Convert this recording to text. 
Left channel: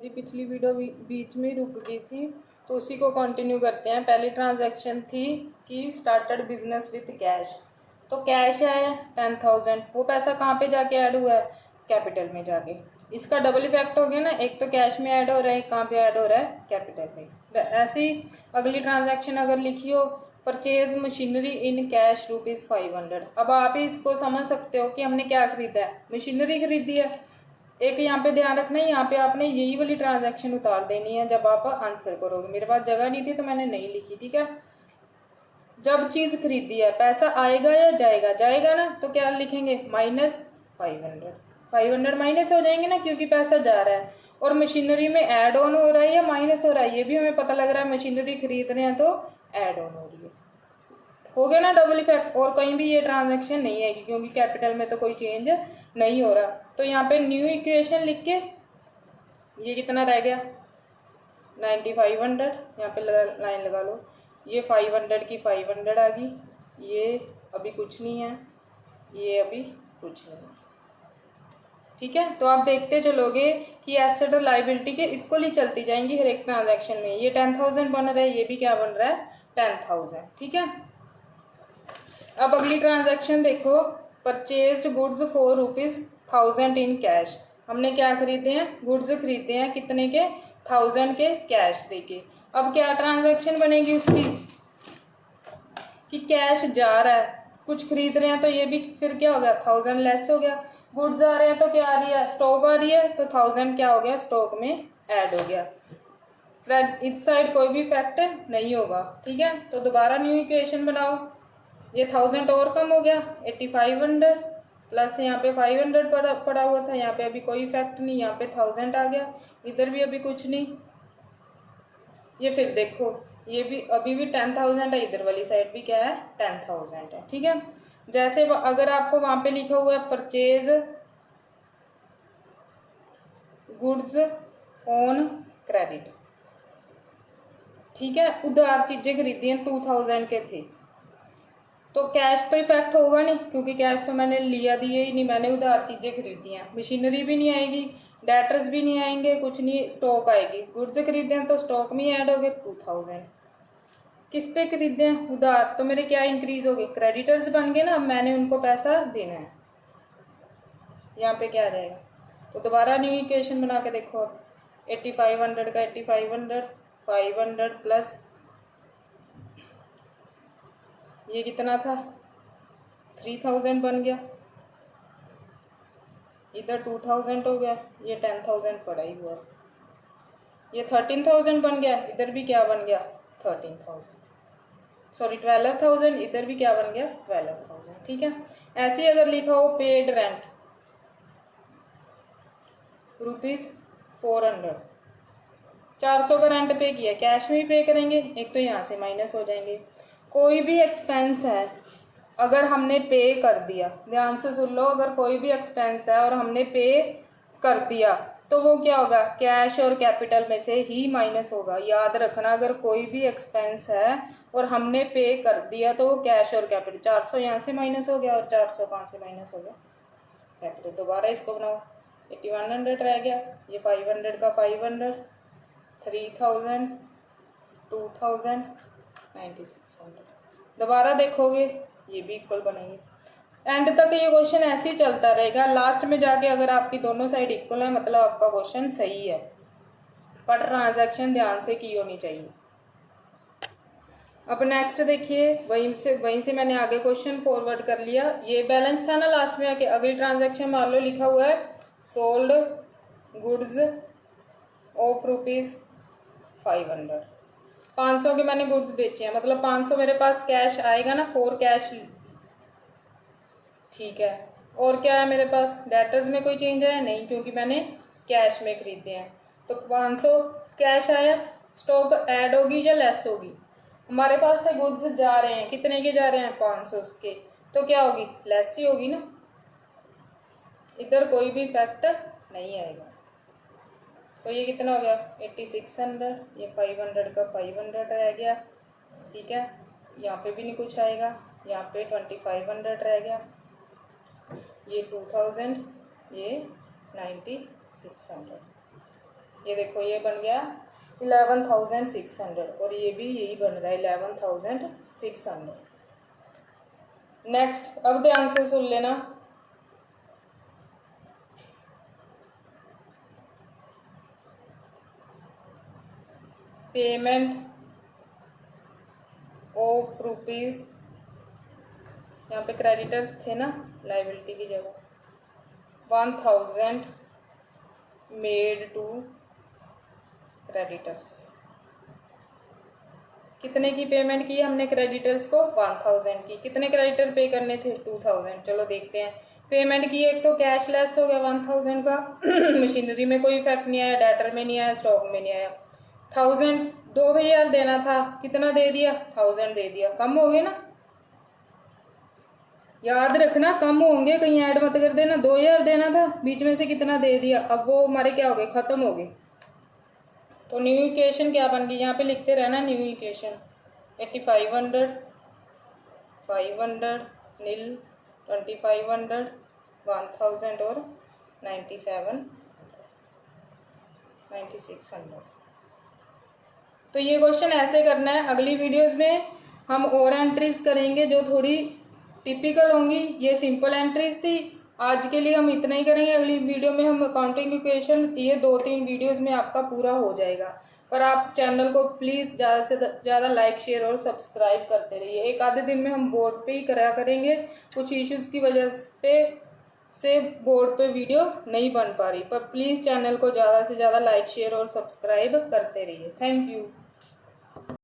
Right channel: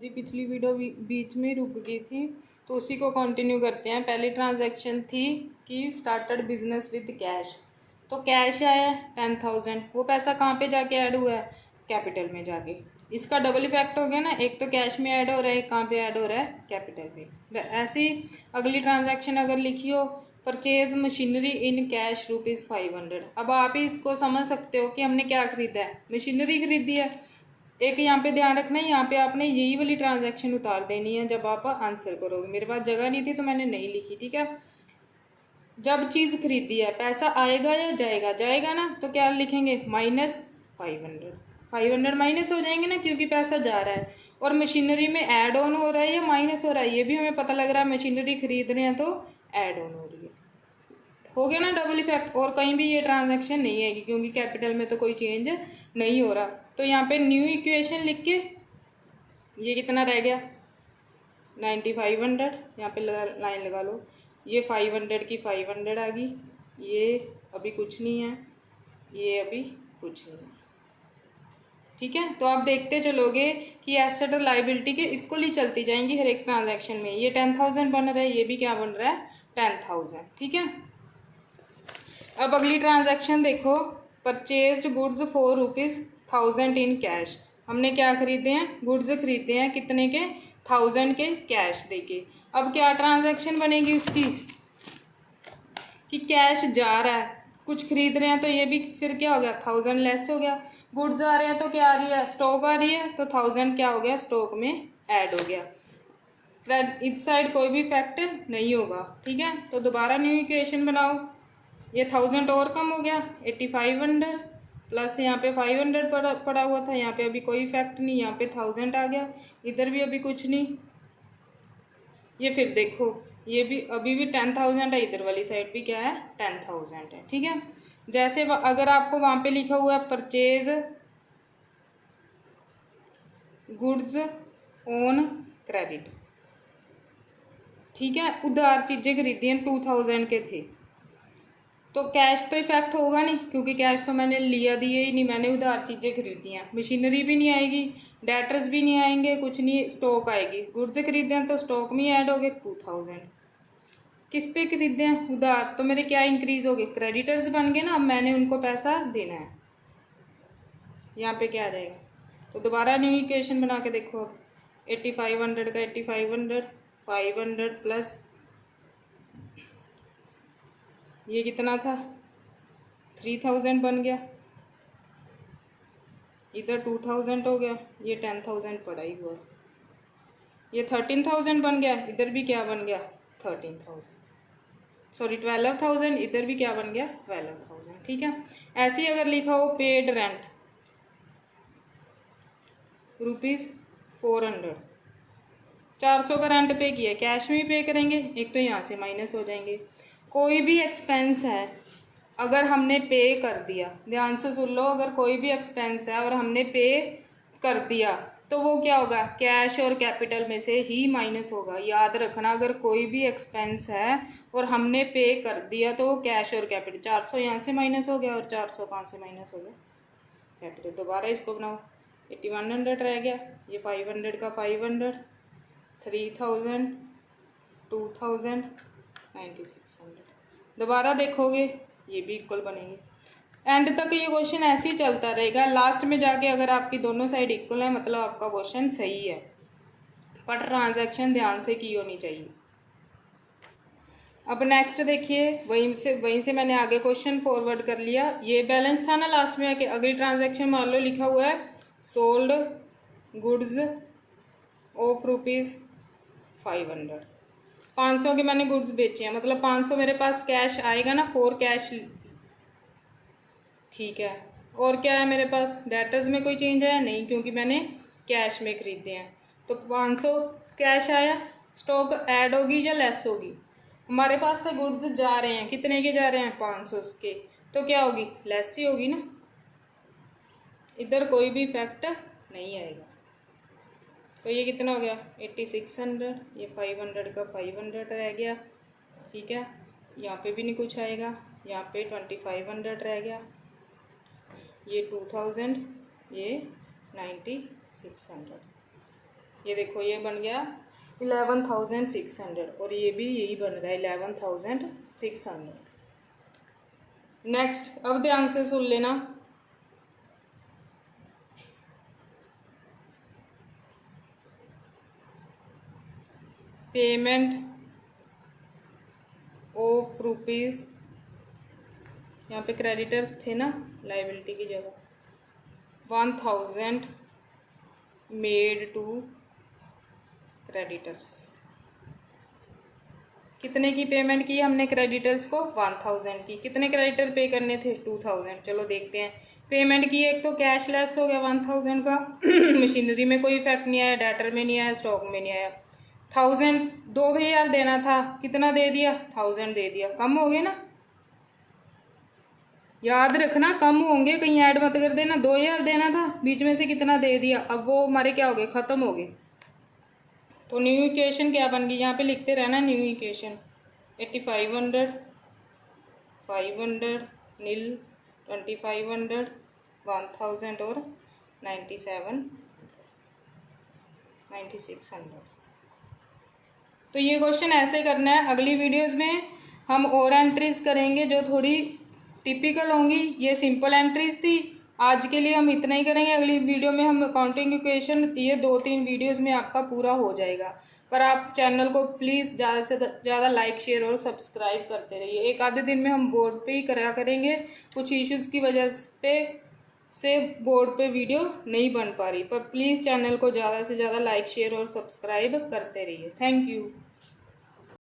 जी पिछली वीडियो बीच में ही रुक गई थी, तो उसी को कंटिन्यू करते हैं। पहली ट्रांजैक्शन थी कि स्टार्टेड बिजनेस विद कैश। तो कैश आया 10,000। वो पैसा कहाँ पे जाके ऐड हुआ है? कैपिटल में जाके। इसका डबल इफेक्ट हो गया ना, एक तो कैश में ऐड हो रहा है, कहाँ पे ऐड हो रहा है? कैपिटल में। ऐसी अगली ट्रांजैक्शन अगर लिखी हो, परचेज मशीनरी इन कैश ₹500। अब आप ही इसको समझ सकते हो कि हमने क्या खरीदा है, मशीनरी खरीदी है। एक यहाँ पे ध्यान रखना है, यहाँ पे आपने यही वाली ट्रांजैक्शन उतार देनी है जब आप आंसर करोगे। मेरे पास जगह नहीं थी तो मैंने नहीं लिखी, ठीक है। जब चीज़ खरीदी है, पैसा आएगा या जाएगा? जाएगा ना, तो क्या लिखेंगे? -500। 500 माइनस हो जाएंगे ना, क्योंकि पैसा जा रहा है। और मशीनरी में ऐड ऑन हो रहा है या माइनस हो रहा है, ये भी हमें पता लग रहा है। मशीनरी खरीद रहे हैं तो ऐड ऑन हो रही है। हो गया ना डबल इफेक्ट। और कहीं भी ये ट्रांजैक्शन नहीं आएगी, क्योंकि कैपिटल में तो कोई चेंज नहीं हो रहा। तो यहाँ पे न्यू इक्वेशन लिख के ये कितना रह गया? 9500। यहाँ पे लाइन लगा लो। ये 500 की 500 आ गई। ये अभी कुछ नहीं है, ये अभी कुछ नहीं है, ठीक है। तो आप देखते चलोगे कि एसेट और लाइबिलिटी के इक्वली चलती जाएंगी हर एक ट्रांजैक्शन में। ये 10,000 बन रहा है, ये भी क्या बन रहा है? 10,000, ठीक है। अब अगली ट्रांजैक्शन देखो, purchase goods for ₹1000 in cash. हमने क्या खरीदे हैं? गुड्स खरीदे हैं, कितने के? 1000 के कैश देके। अब क्या ट्रांजैक्शन बनेगी उसकी कि कैश जा रहा है, कुछ खरीद रहे हैं, तो ये भी फिर क्या हो गया? 1000 लेस हो गया। गुड्स आ रहे हैं तो क्या आ रही है? स्टॉक आ रही है, तो 1000 क्या हो गया? स्टॉक में ऐड हो गया। इस साइड कोई भी फैक्ट नहीं होगा, ठीक है। तो दोबारा न्यू इक्वेशन बनाओ। ये 1000 और कम हो गया, 8500 प्लस यहाँ पे 500 पड़ा हुआ था। यहाँ पे अभी कोई इफेक्ट नहीं, यहाँ पे 1000 आ गया, इधर भी अभी कुछ नहीं। ये फिर देखो, ये भी अभी भी 10,000 है, इधर वाली साइड भी क्या है? 10,000 है, ठीक है। जैसे अगर आपको वहां पे लिखा हुआ है परचेज गुड्स ऑन क्रेडिट, ठीक है, उधार चीजें खरीदी हैं, 2000 के थे, तो कैश तो इफेक्ट होगा नहीं, क्योंकि कैश तो मैंने लिया दिए ही नहीं, मैंने उधार चीज़ें खरीदी हैं। मशीनरी भी नहीं आएगी, डेटर्स भी नहीं आएंगे, कुछ नहीं, स्टॉक आएगी। गुड्स खरीदे हैं तो स्टॉक में ऐड हो गए 2000। किस पे खरीदे हैं? उधार, तो मेरे क्या इंक्रीज हो गए? क्रेडिटर्स बन गए ना। अब मैंने उनको पैसा देना है, यहाँ पे क्या आ जाएगा? तो दोबारा न्यू इक्वेशन बना के देखो। अब 8500 का 8500, 500 प्लस ये कितना था? 3000 बन गया, इधर 2000 हो गया, ये 10,000 पड़ा ही हुआ, ये 13,000 बन गया, इधर भी क्या बन गया? 13,000, सॉरी 12,000, इधर भी क्या बन गया? 12,000, ठीक है। ऐसे ही अगर लिखा हो पेड रेंट ₹400, 400 का रेंट पे किया, कैश में भी पे करेंगे, एक तो यहाँ से माइनस हो जाएंगे। कोई भी एक्सपेंस है अगर हमने पे कर दिया, ध्यान से सुन लो, अगर कोई भी एक्सपेंस है और हमने पे कर दिया तो वो क्या होगा? कैश और कैपिटल में से ही माइनस होगा। याद रखना, अगर कोई भी एक्सपेंस है और हमने पे कर दिया तो वो कैश और कैपिटल। 400 यहाँ से माइनस हो गया और 400 कहाँ से माइनस हो गया? कैपिटल। दोबारा इसको बनाओ, 8100 रह गया, ये 500 का 500, 3000, 2000, 9600। दोबारा देखोगे ये भी इक्वल बनेंगे। एंड तक ये क्वेश्चन ऐसे ही चलता रहेगा। लास्ट में जाके अगर आपकी दोनों साइड इक्वल है, मतलब आपका क्वेश्चन सही है, पर ट्रांजैक्शन ध्यान से की होनी चाहिए। अब नेक्स्ट देखिए, वहीं से मैंने आगे क्वेश्चन फॉरवर्ड कर लिया। ये बैलेंस था ना लास्ट में आके। अगली ट्रांजैक्शन मान लो लिखा हुआ है सोल्ड गुड्स ऑफ ₹500। 500 के मैंने गुड्स बेचे हैं, मतलब 500 मेरे पास कैश आएगा ना, 4 कैश, ठीक है। और क्या है मेरे पास? डेटर्स में कोई चेंज आया नहीं, क्योंकि मैंने कैश में खरीदे हैं। तो 500 कैश आया, स्टॉक ऐड होगी या लेस होगी? हमारे पास से गुड्स जा रहे हैं, कितने के जा रहे हैं? 500 के, तो क्या होगी? लेस ही होगी ना, इधर कोई भी इफेक्ट नहीं आएगा। तो ये कितना हो गया? 8600, ये 500 का 500 रह गया, ठीक है। यहाँ पे भी नहीं कुछ आएगा, यहाँ पे 2500 रह गया, ये 2000, ये 9600। ये देखो ये बन गया 11,600 और ये भी यही बन रहा है 11,600। नेक्स्ट, अब ध्यान से सुन लेना। पेमेंट ऑफ रुपीज़, यहाँ पे क्रेडिटर्स थे ना लाइबिलिटी की जगह, 1,000 मेड टू क्रेडिटर्स। कितने की पेमेंट की हमने क्रेडिटर्स को? 1,000 की। कितने क्रेडिटर पे करने थे? 2,000। चलो देखते हैं पेमेंट की। एक तो कैश लेस हो गया 1,000 का मशीनरी में कोई इफेक्ट नहीं आया, डेटर में नहीं आया, स्टॉक में नहीं आया। 1,000 2,000 देना था, कितना दे दिया? 1,000 दे दिया। कम हो गए ना, याद रखना कम होंगे, कहीं ऐड मत कर देना। 2,000 देना था, बीच में से कितना दे दिया, अब वो हमारे क्या हो गए? ख़त्म हो गए। तो न्यू इक्वेशन क्या बन गई? यहाँ पे लिखते रहना न्यू इक्वेशन। 8,500 500 नील 2,500 1,000 और 9,600। तो ये क्वेश्चन ऐसे करना है। अगली वीडियोस में हम और एंट्रीज करेंगे जो थोड़ी टिपिकल होंगी। ये सिंपल एंट्रीज थी। आज के लिए हम इतना ही करेंगे। अगली वीडियो में हम अकाउंटिंग इक्वेशन, ये 2-3 वीडियोस में आपका पूरा हो जाएगा। पर आप चैनल को प्लीज़ ज़्यादा से ज़्यादा लाइक, शेयर और सब्सक्राइब करते रहिए। एक आधे दिन में हम बोर्ड पे ही करा करेंगे, कुछ इश्यूज़ की वजह से बोर्ड पे वीडियो नहीं बन पा रही। पर प्लीज़ चैनल को ज़्यादा से ज़्यादा लाइक, शेयर और सब्सक्राइब करते रहिए। Thank you.